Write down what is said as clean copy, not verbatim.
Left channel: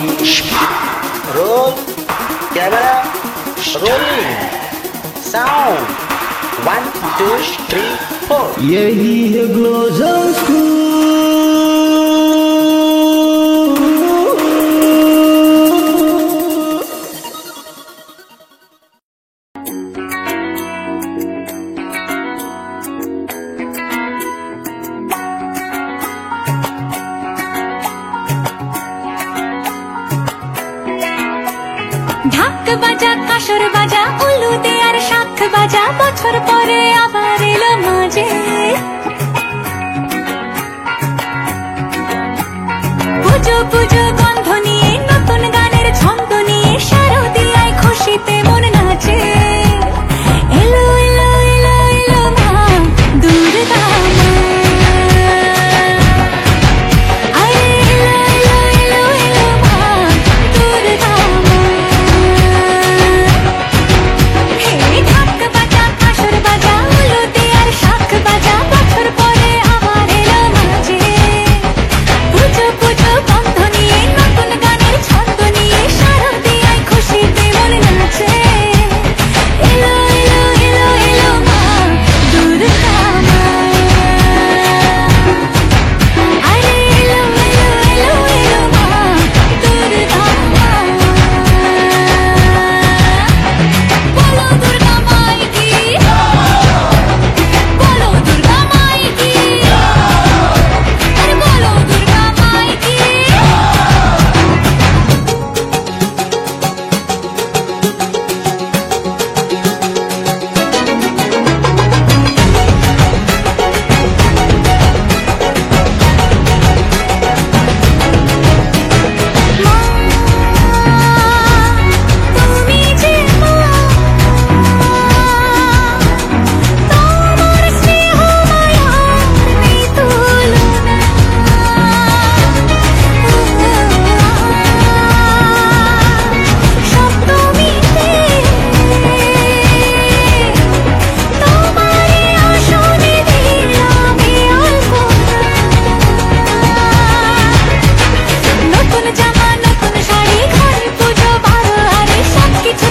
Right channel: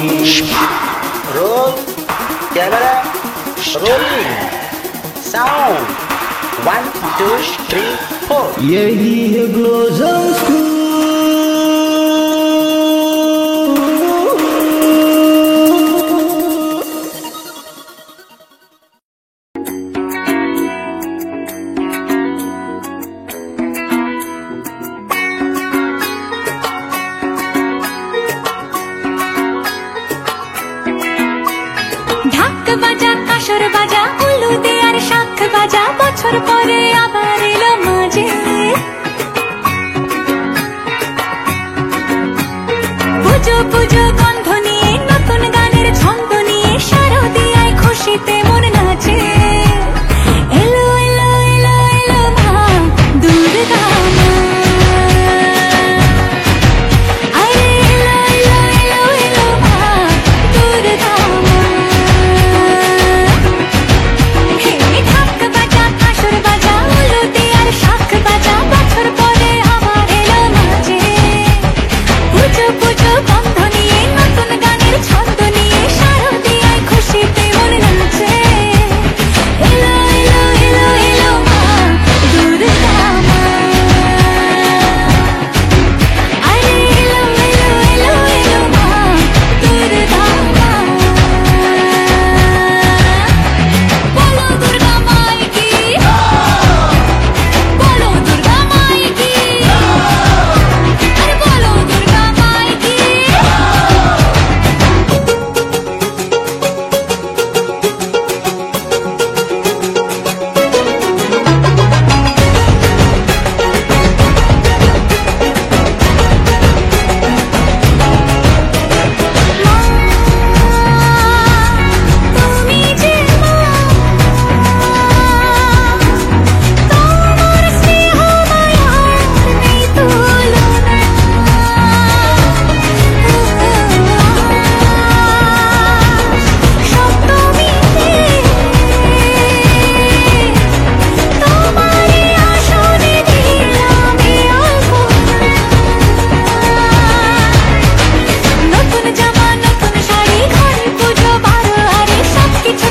Roll camera rolling sound 1 2 3 4 यही है ग्लोजम school. ঢাক বাজা কাসর বাজা উলু দে আর শাখ বাজা বছর পরে আবার এলো মাঝে পুজো পুজো গন্ধ নিয়ে নতুন গানের ছন্দ নিয়ে শারদিয়ায় খুশিতে মন নাচে এলো এলো এলো এলো মা দুর্গা মা আরে এলো এলো এলো এলো মা দুর্গা মা হে ঢাক বাজা কাসর বাজা উলু দে আর শাখ বাজা বছর পরে আবার এলো মাঝে পুজো পুজো গন্ধ নিয়ে নতুন গানের ছন্দ নিয়ে শারদিয়ায় খুশিতে মন নাচে এলো এলো এলো এলো মা দুর্গা মা আরে এলো এলো এলো এলো মা দুর্গা মা বলো দুর্গা মাই কি বলো দুর্গা মাই কি আরে বলো দুর্গা মাই কি তুমি যে মা তোমার স্নেহ মায়ার নেই তুলনা সপ্তমীতে তোমারে আসনে দিলাম এই আলপনা নতুন জামা নতুন শাড়ি ঘরে পুজো বারো আরে সবকিছু